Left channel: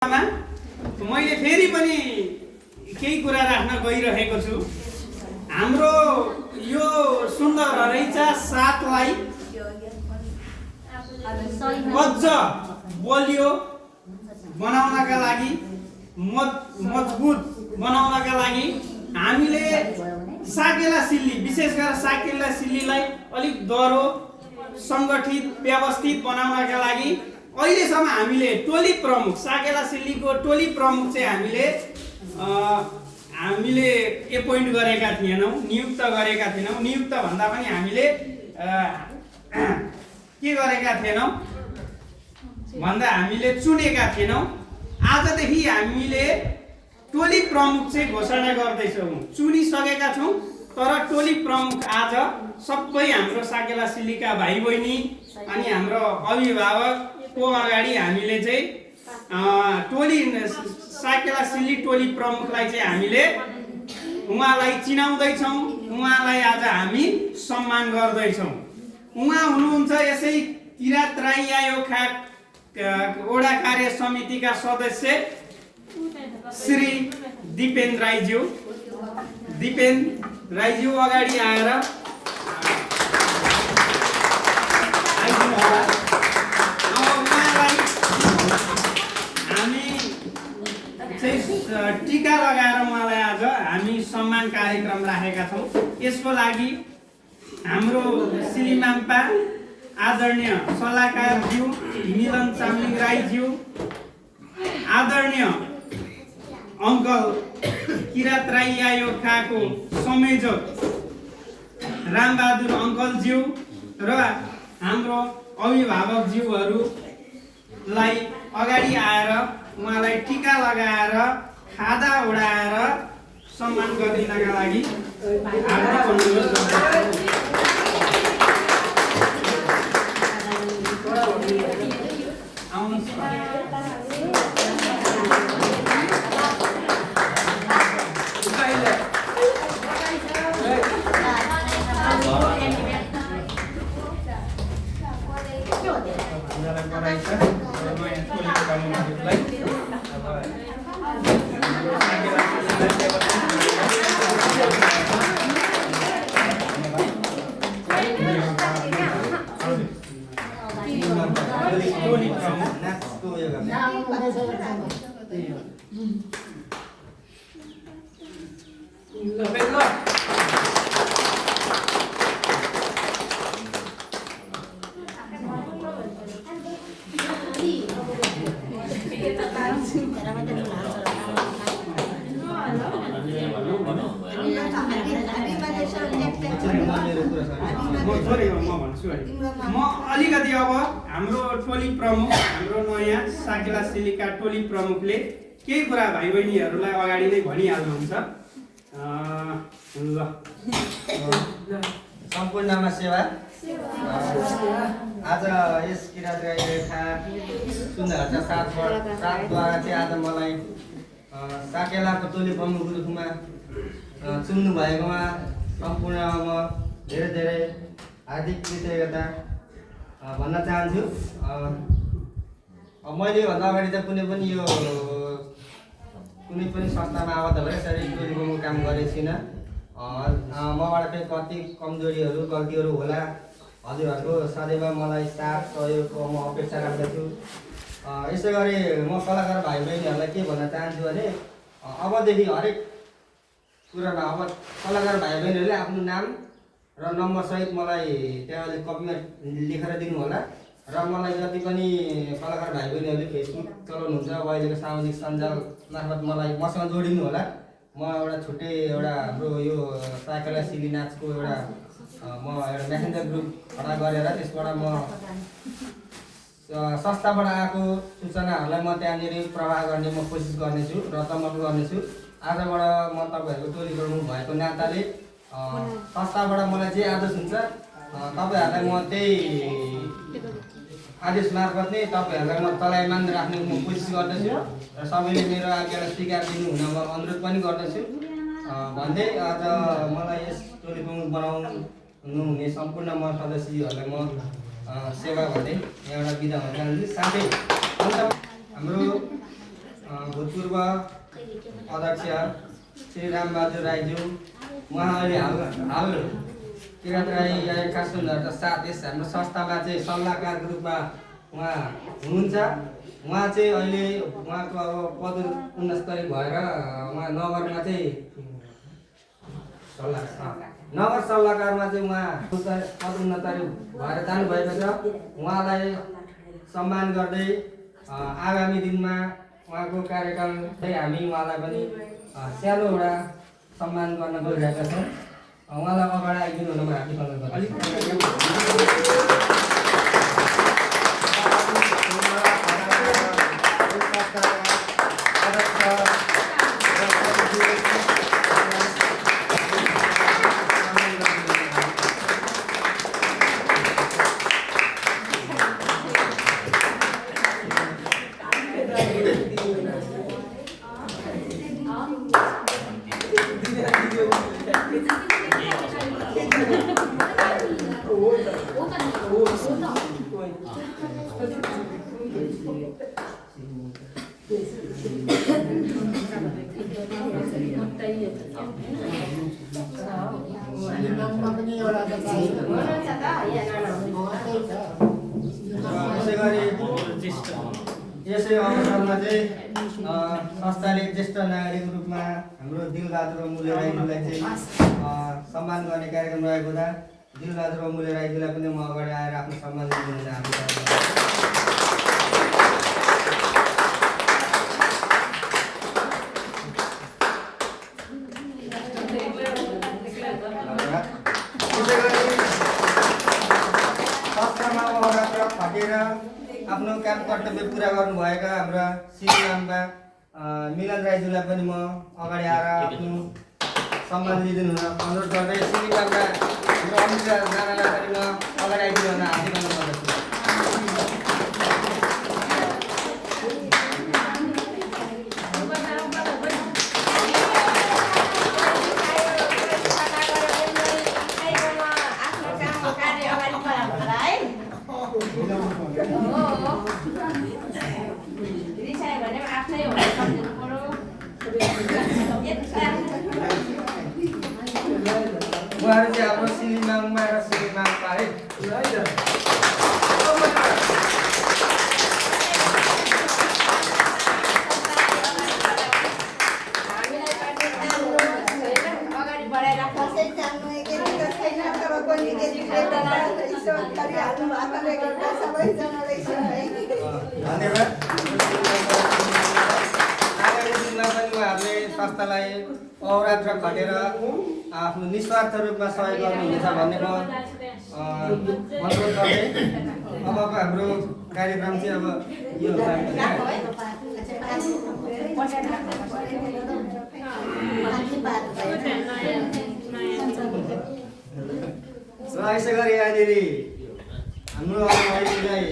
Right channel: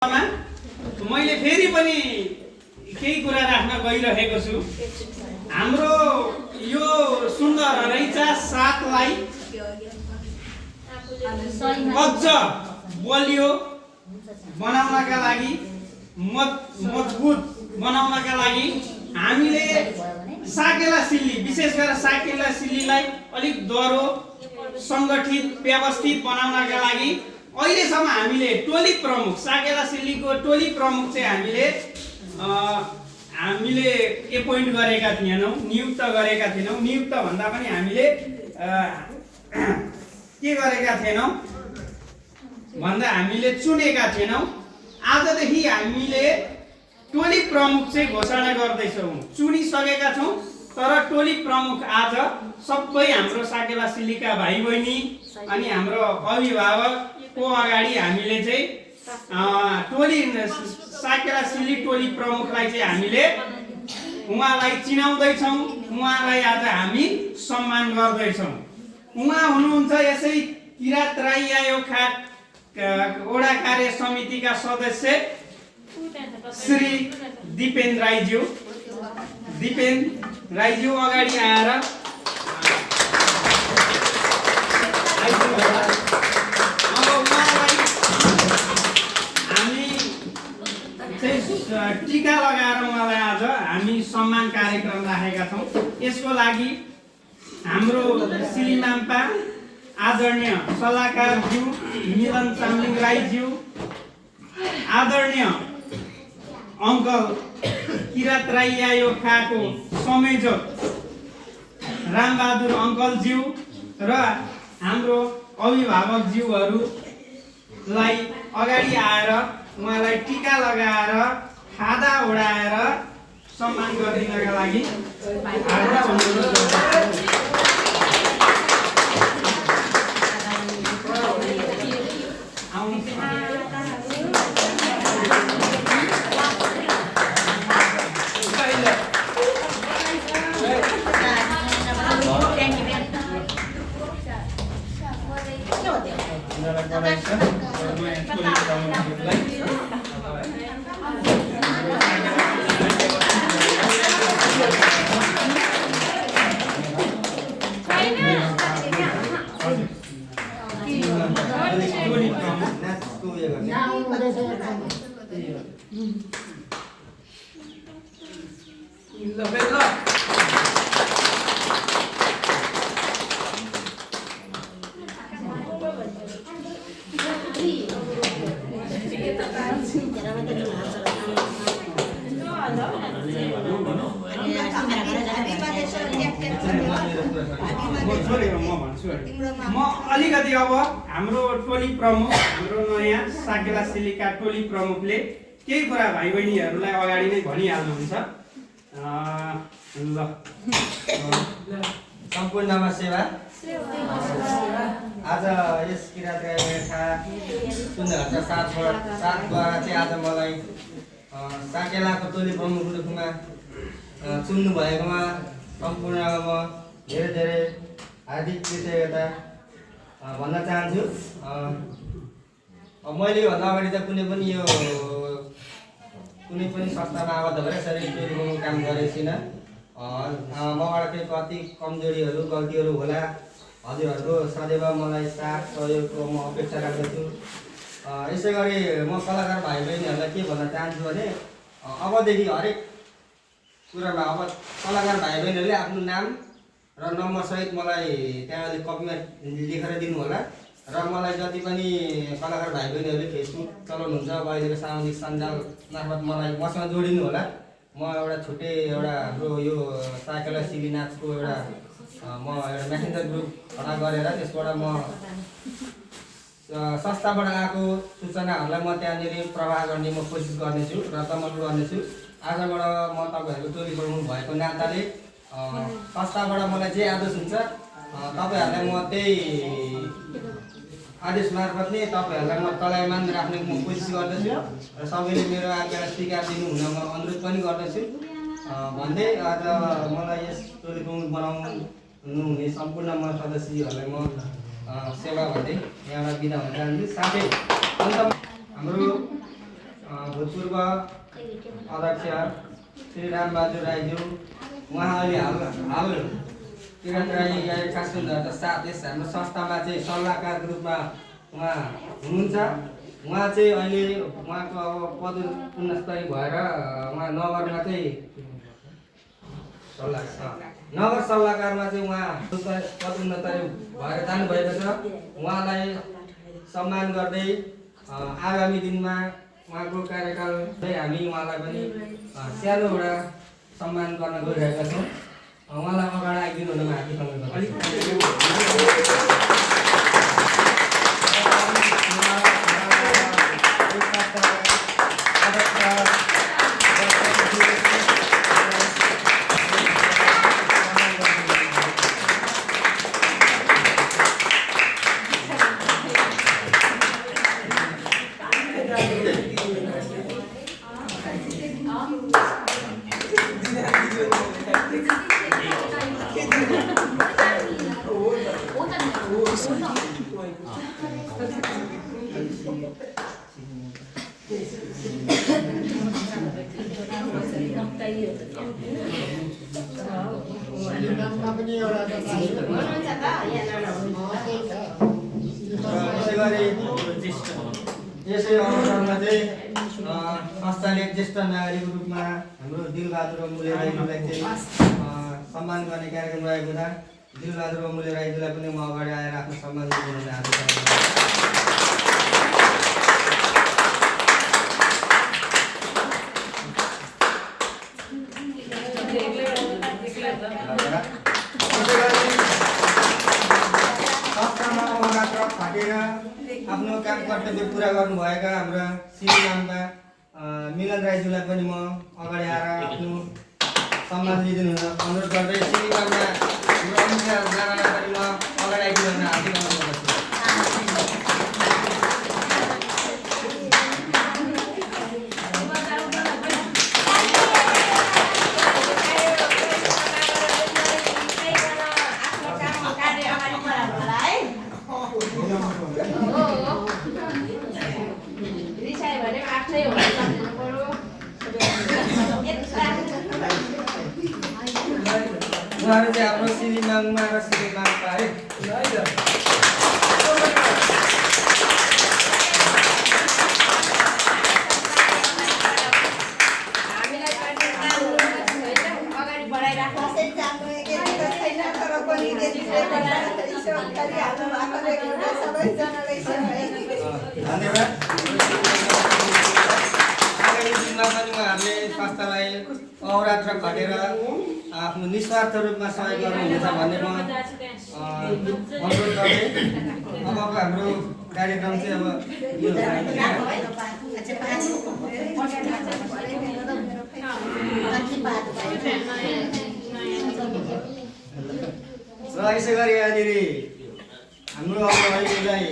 मैले फेरि पनि केही कुरा राख्न गइरहेको छु। हाम्रो यो सुन्दर रैचा साथलाई अझ बलियो बनाउनका लागि, मजबुत बनाउनका लागि हामीले साकेला सिल्ली, विशेष गरेर साकेला सिल्लीलाई अलिक दह्रो सङ्गठित व्यवस्थित बनाउनका लागि अहिलेसम्म हामीले टोली प्रमुख, साकेला सिल्लीको टोली प्रमुख चाहिँ हामीले एपोइन्ट गरेका थिएनौँ, नियुक्त गरेका थिएनौँ। नियुक्त भन्दा पनि हामीले के गरेका थिएनौँ भन्दा हामीले चुनेका थिएनौँ। आजदेखि हामीले टोली प्रमुख चाहिँ घोषणा गर्दैछौँ। चुनिसकेका छौँ, तर टोली प्रमुख आज सबै हाम्रो साकेला सिल्लीका भाइ बहिनी अनि हाम्रो अभिभावकको अगाडि हामीले चाहिँ टोली साकेला सिल्ली टोली प्रमुखलाई चाहिँ हामीले उहाँलाई चिनाउँदैछौँ, उहाँलाई आज हामी सम्मान गर्दैछौँ। उहाँ हुनुहुन्छ यसै किरात राई आयोगका वडा कार्य समितिका सदस्य श्री दिपेन राईज्यू। दिपेन राईज्यू अगाडि आएर टीका लगाएर उहाँलाई आज हामी सम्मान कार्यक्रम राखेका छौँ। यसको लागि हाम्रो श्रीमाम्पा आदरणीय सल्लाहकारज्यू मिलन चामलिङ राईज्यू, आदरणीय अङ्कल किरात राई आयोगको संयोजक रामबहादुर अङ्कलज्यू र हाम्रो अभिभावकज्यूहरूलाई अगाडि आएर उहाँलाई टीका लगाएर खादा उडाएर सम्मान गरिनका लागि हार्दिक अनुरोध गर्दछु। म अलिकति अब हाम्रो टोली प्रमुख, हाम्रो नयाँ साकेला सिल्लीका टोली प्रमुखले केही कुरा भाइ बहिनीहरूलाई अगाडि नै भनिहाल्नुहुन्छ। ल, सम्पूर्णमा सेवा। आज यस किरात राईका सुन्दरता साथद्वारा चाहिँ आज मलाई साकेलाको टोली प्रमुख रूपमा चुन्नु भएकोमा सम्पूर्णमा म धेरै धेरै हार्दिक कृतज्ञता भन्न चाहन्छु। मैले भन्दा अगाडि त कुनै पनि संस्थामा आबद्ध भएर यसरी टोली प्रमुख काम गरेको छुइनँ। मबाट चाहिँ कति कमजोरीहरू गल्तीहरू होला, हजुरहरूको सदैव मलाई साथ सहयोगको म अपेक्षा राख्दछु। यसै गरी म कलाकार भाइ बहिनीहरूलाई के भन्न चाहन्छु भने अबदेखि हरेक कुरामा अब कलाकार भाइ बहिनीहरूले आफ्नो नाम र नम्बरसहित मलाई त्यहाँले कपीमा लेखेर दिनु होला। र मलाई जति पनि कलाकार भाइ बहिनीहरूले फेसबुक चलाउनुहुन्छ, अब अहिलेको सामाजिक सञ्जाल मार्फत मलाई मसँग जोडिनु होला। म एउटा छुट्टै एउटा हाम्रो यो साकेला सिल्ली नाचको एउटा मेसेन्जर ग्रुप खडा गरेर त्यसबाट म संस्थाबाट आएको सूचनाहरूलाई म त्यहाँनिर प्रवाह गर्ने म कोसिस गर्नेछु र तमल गर्नेछु। आजबाट म तपाईँहरूको टोली प्रमुख भएको नाताले संस्थाबाट मलाई जे आदेश हुन्छ तपाईँहरूलाई म त्यही आदेश मार्फत नै तपाईँहरूलाई म चलायमान राख्ने म कोसिस गर्दछु र सबैले मेरो आज्ञालाई स्वीकार दिनु हुन म अनुरोध पनि गर्दछु भन्दै आज मलाई यस टोली प्रमुख बनाउनु हुने सम्पूर्ण म सदस्यहरूलाई म सेवा भन्दै एउटा बिदा हुन चाहन्छु। साथै हाम्रो भूतपूर्व अध्यक्ष श्री रामबहादुर राईज्यू, उहाँ अहिले हाल किरण राईका सुन्दरका साथ यस हाम्रो संस्थामा चाहिँ सल्लाहकारको रूपमा उहाँ हुनुहुन्छ। उहाँ चाहिँ अहिले उहाँको अब पदोन्नति भएर उहाँ नगरमा चाहिँ नगर सल्लाहकारमा चाहिँ उहाँ पदोन्नति भएर जानुभएको छ। उहाँलाई सम्मान गर्दै आगामी दिनमा उहाँको कार्यकाल चाहिँ हामी उहाँलाई पनि सानो एउटा सम्मान गर्न गइरहेका छौँ। उहाँलाई अगाडि आइदिनु हुनमा हार्दिक अनुरोध यसै अवसरमा चाहिँ संस्थाले ज्येष्ठ नागरिकको रूपमा हाम्रो दिलबहादुर अमुल्य राईज्यूलाई चाहिँ सम्मान गर्ने कार्यक्रम रहेको हुँदा दिलबहादुर अमुल्य राईज्यूलाई पनि म अगाडि आएर आफ्नो सम्मान दिनु चाहन्छु। संस्थामा अहोरात्र खटेर आफ्नो काम कर्तव्य पुरा गर्नुभएका हाम्रा श्रीमानका मिलन राईज्यूलाई पनि म अगाडि आएर आफ्नो सम्मान लिइदिनु हुन अनुरोध गर्दै श्रीमानमा हाम्रो अमित राणालाई पनि म अगाडि आइदिनु हुन हार्दिक अनुरोध गर्दछु। उहाँहरू चाहिँ हाम्रो श्रीमानमा र श्रीमानका है धन्यवाद। आगामी दिनमा पनि उहाँहरूले संस्थालाई अहोरात्र खटेर आफ्नो निस्वार्थ रूपमा सहयोग गर्नुहुनेछ भन्ने म अनुरोध गर्दै अबको हाम्रो कार्यक्रम चाहिँ अब यो र यसै गरी यहाँनिर हाम्रो अब अहिलेलाई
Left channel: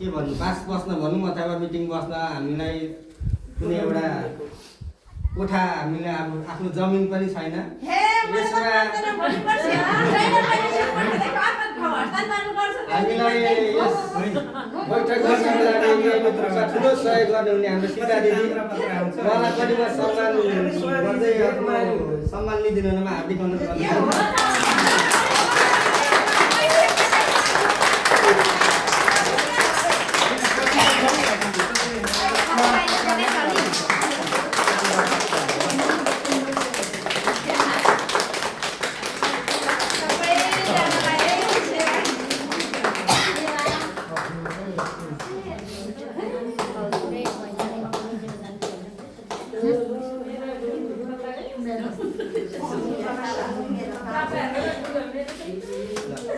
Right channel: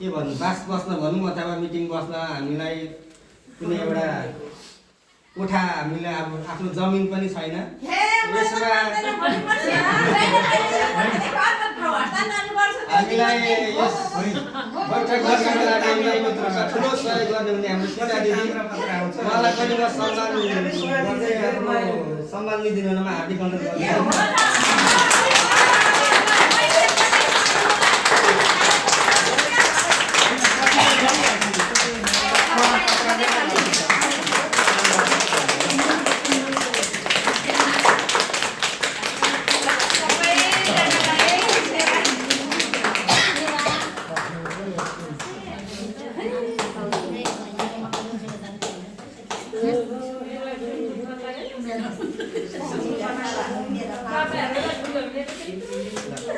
के भन्नु बास बस्न भनौँ अथवा मिटिङ बस्न हामीलाई कुनै एउटा कोठा हामीलाई अब आफ्नो जमिन पनि छैन। यसमा हामीलाई यस बैठक गर्नको लागि ठुलो सहयोग गर्ने हुने हाम्रो सीता दिदी उहाँलाई पनि म सम्मान गर्दै आफ्नो सम्मान लिइदिनु हुनमा हार्दिक अनुरोध गर्दछु।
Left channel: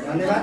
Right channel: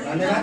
धन्यवाद।